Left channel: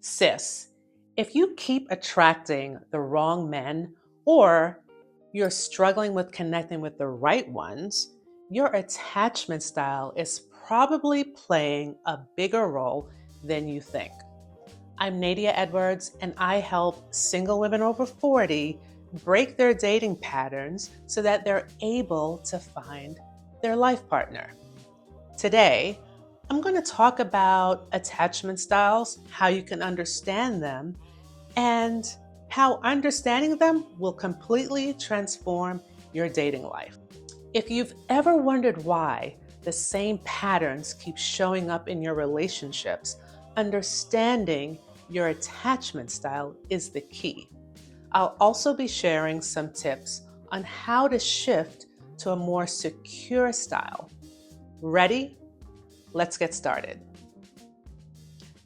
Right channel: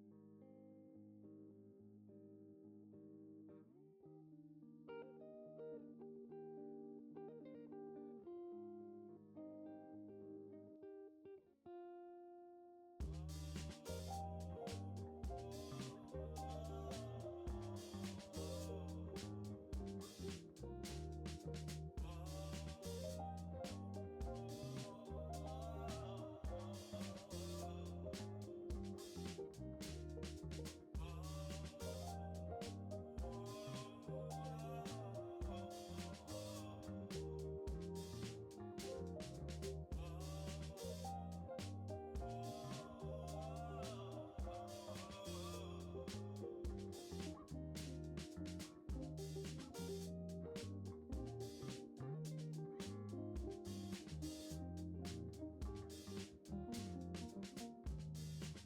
Sis, if you keep attracting the wrong men or you're struggling with connecting with the right ones, your attachment style is probably playing a bigger role than you think. I'm Nadia Edwards, and I help single women over 40 break their dating patterns so that they're able to find their life partner. Today, I'm going to talk about attachment styles, how you can understand them, and how understanding them will completely transform your dating life. If you've ever wondered why the same patterns keep showing up in your relationships, understanding your attachment style is the key. I'll also be sharing some tips on how to shift to a more secure style. Ready? Let's get started.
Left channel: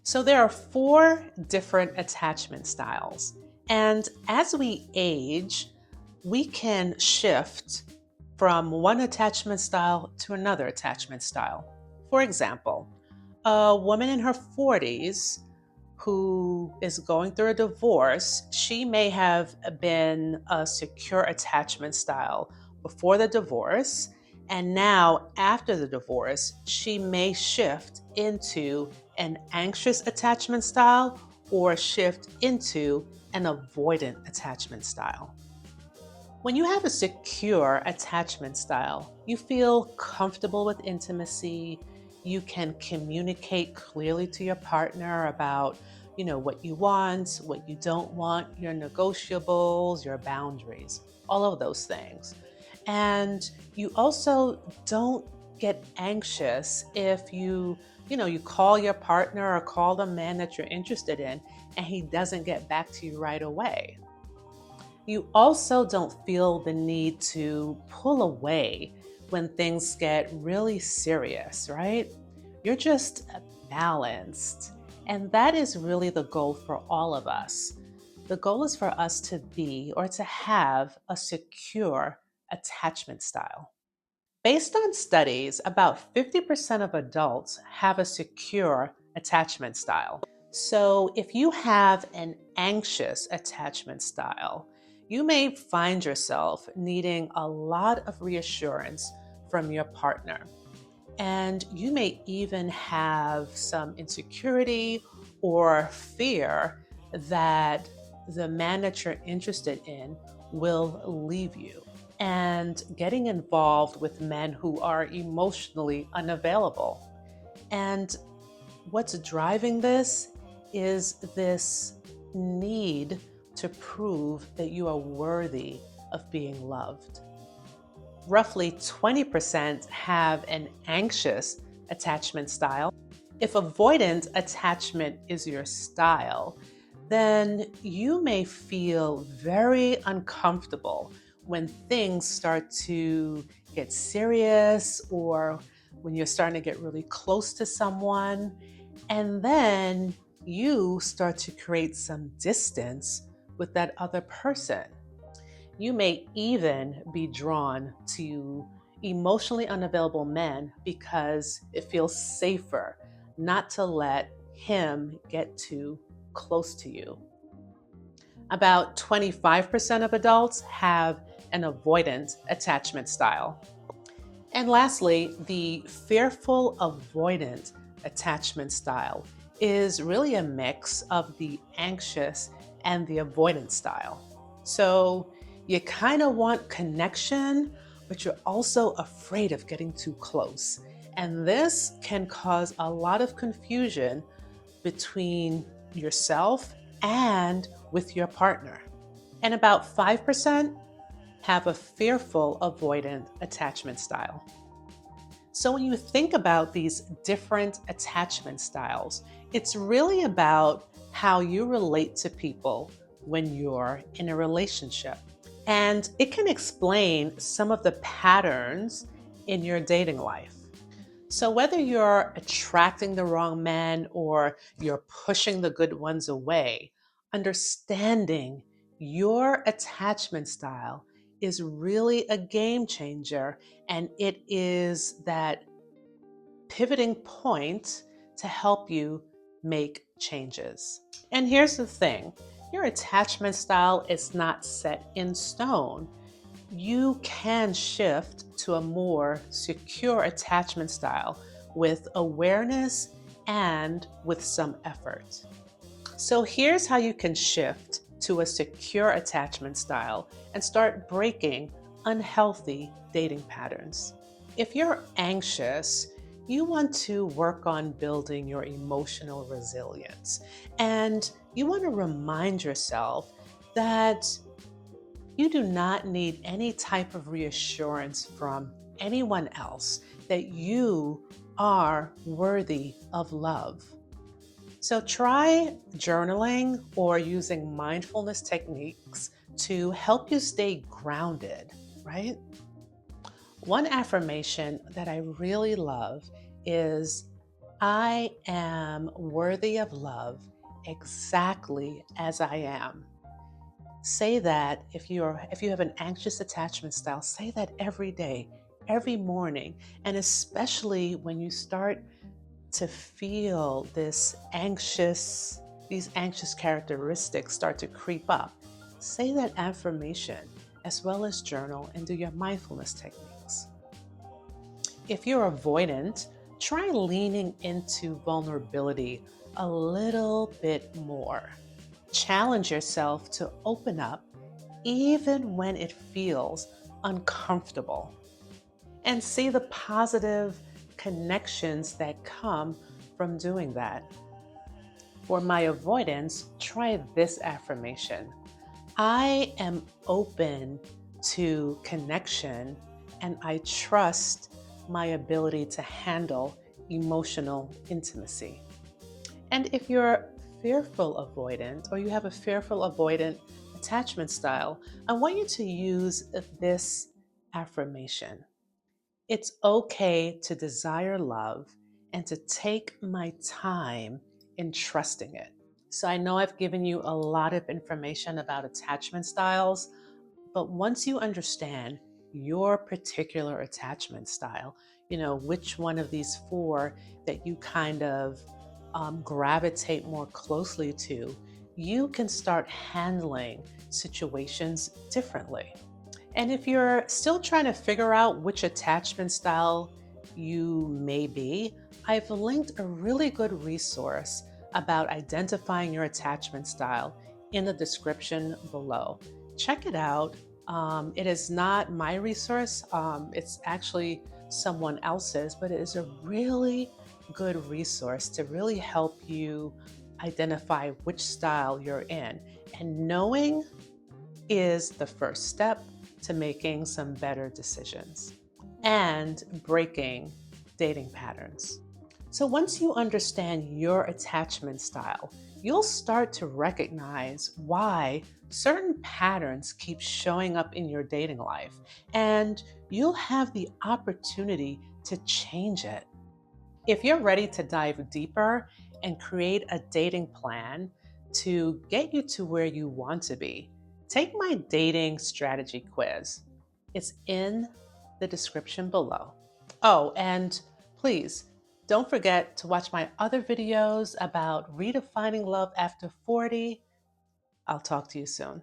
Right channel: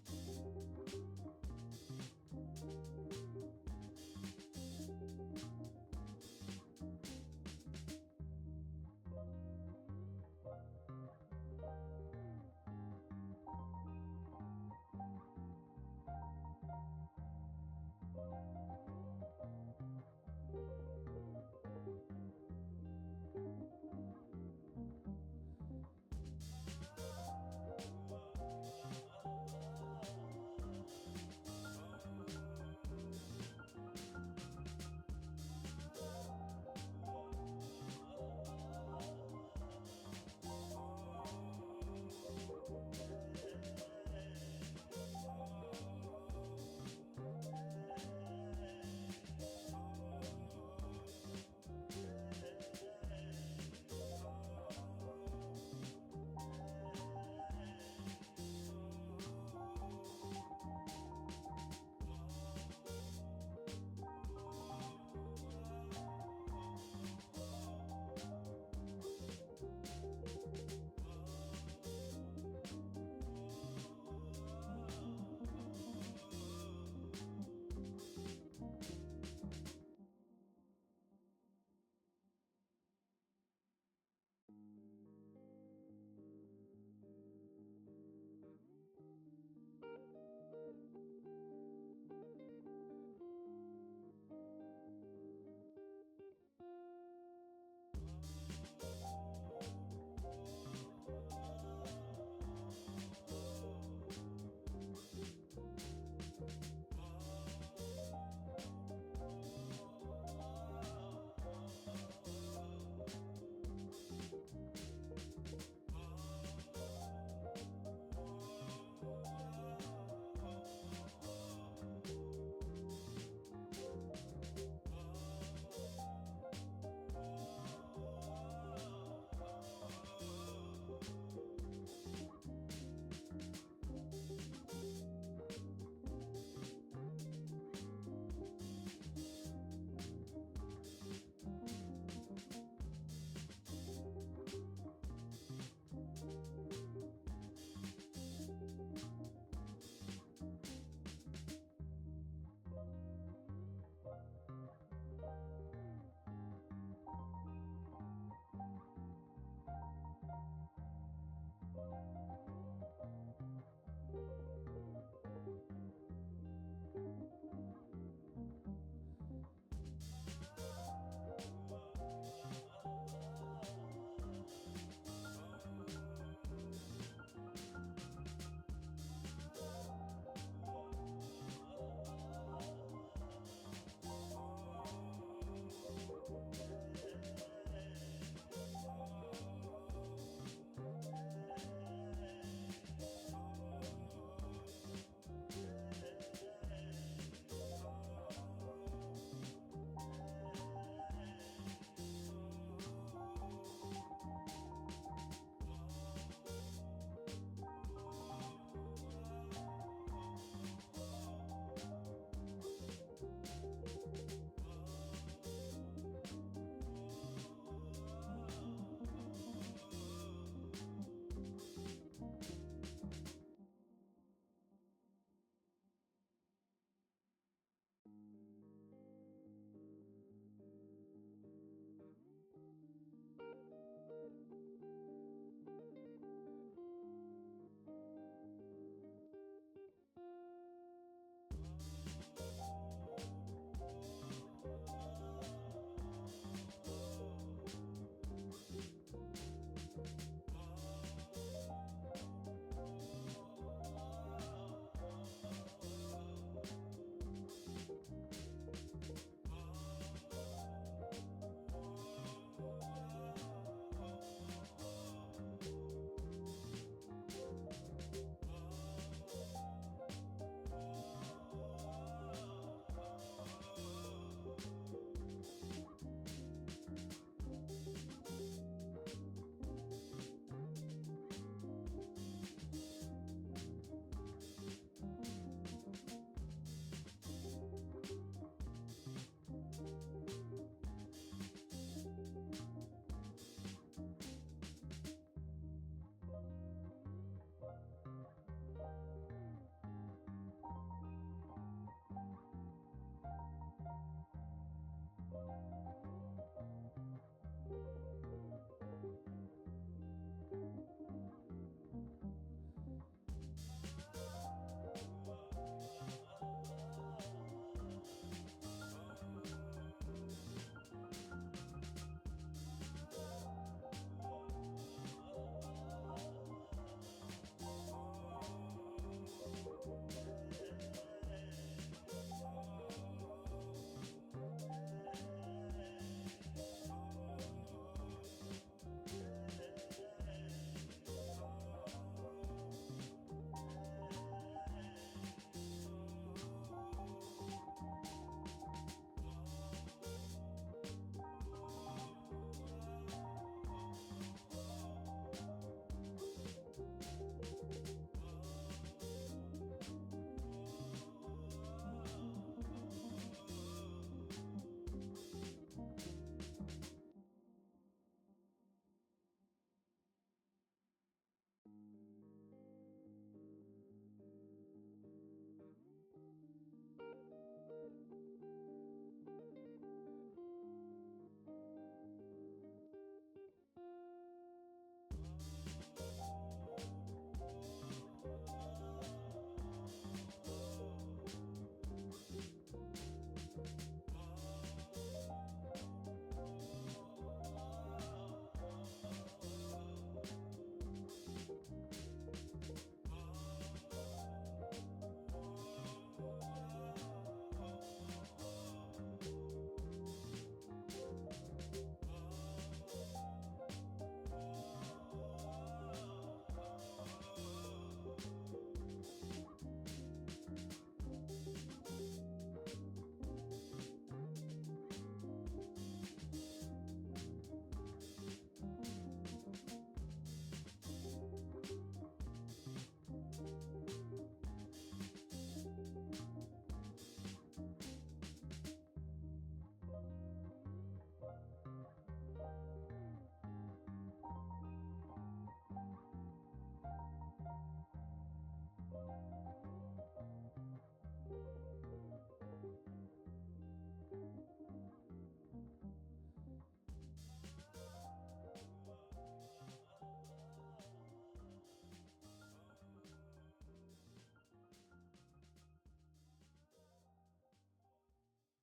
So, there are four different attachment styles. And as we age, we can shift from one attachment style to another attachment style. For example, a woman in her 40s who is going through a divorce, she may have been a secure attachment style before the divorce. And now, after the divorce, she may shift into an anxious attachment style or shift into an avoidant attachment style. When you have a secure attachment style, you feel comfortable with intimacy. You can communicate clearly to your partner about, what you want, what you don't want, your negotiables, your boundaries, all of those things. And you also don't get anxious if you call your partner or call the man that you're interested in and he doesn't get back to you right away. You also don't feel the need to pull away when things get really serious, right? You're just balanced. And that is really the goal for all of us. The goal is for us to be or to have a secure attachment style. Based on studies, about 50% of adults have a secure attachment style. So, if you have an anxious attachment style, you may find yourself needing a lot of reassurance from your partner. And you may even have some insecurity or fear that the man that you're interested in will leave you. And getting involved with men who are emotionally unavailable. And what's driving this is this need to prove that you are worthy of being loved. Roughly 20% have an anxious attachment style. If avoidant attachment is your style, then you may feel very uncomfortable when things start to get serious or when you're starting to get really close to someone. And then you start to create some distance with that other person. You may even be drawn to emotionally unavailable men because it feels safer not to let him get too close to you. About 25% of adults have an avoidant attachment style. And lastly, the fearful avoidant attachment style is really a mix of the anxious and the avoidant style. So you kind of want connection, but you're also afraid of getting too close. And this can cause a lot of confusion between yourself and with your partner. And about 5% have a fearful avoidant attachment style. So when you think about these different attachment styles, it's really about how you relate to people when you're in a relationship. And it can explain some of the patterns in your dating life. So, whether you're attracting the wrong men or you're pushing the good ones away, understanding your attachment style is really a game changer. And it is that pivoting point to help you make changes. And here's the thing, your attachment style is not set in stone. You can shift to a more secure attachment style with awareness and with some effort. So here's how you can shift to a secure attachment style and start breaking unhealthy dating patterns. If you're anxious, you want to work on building your emotional resilience. And you want to remind yourself that you do not need any type of reassurance from anyone else that you are worthy of love. So try journaling or using mindfulness techniques to help you stay grounded, right? One affirmation that I really love is I am worthy of love exactly as I am. Say that if you have an anxious attachment style, say that every day, every morning, and especially when you start to feel these anxious characteristics start to creep up. Say that affirmation as well as journal and do your mindfulness techniques. If you're avoidant, try leaning into vulnerability a little bit more. Challenge yourself to open up even when it feels uncomfortable, and see the positive connections that come from doing that. For my avoidance, try this affirmation: I am open to connection and I trust my ability to handle emotional intimacy. And if you're fearful avoidant or you have a fearful avoidant attachment style, I want you to use this affirmation: it's okay to desire love and to take my time in trusting it. So I know I've given you a lot of information about attachment styles, but once you understand your particular attachment style, which one of these four that you kind of gravitate more closely to, you can start handling situations differently. And if you're still trying to figure out which attachment style you may be, I've linked a really good resource about identifying your attachment style in the description below. Check it out. It is not my resource, it's actually someone else's, but it is a really good resource to really help you identify which style you're in. And knowing is the first step to making some better decisions and breaking dating patterns. So, once you understand your attachment style, you'll start to recognize why certain patterns keep showing up in your dating life, and you'll have the opportunity to change it. If you're ready to dive deeper and create a dating plan to get you to where you want to be, take my dating strategy quiz. It's in the description below. Oh, and please don't forget to watch my other videos about redefining love after 40. I'll talk to you soon.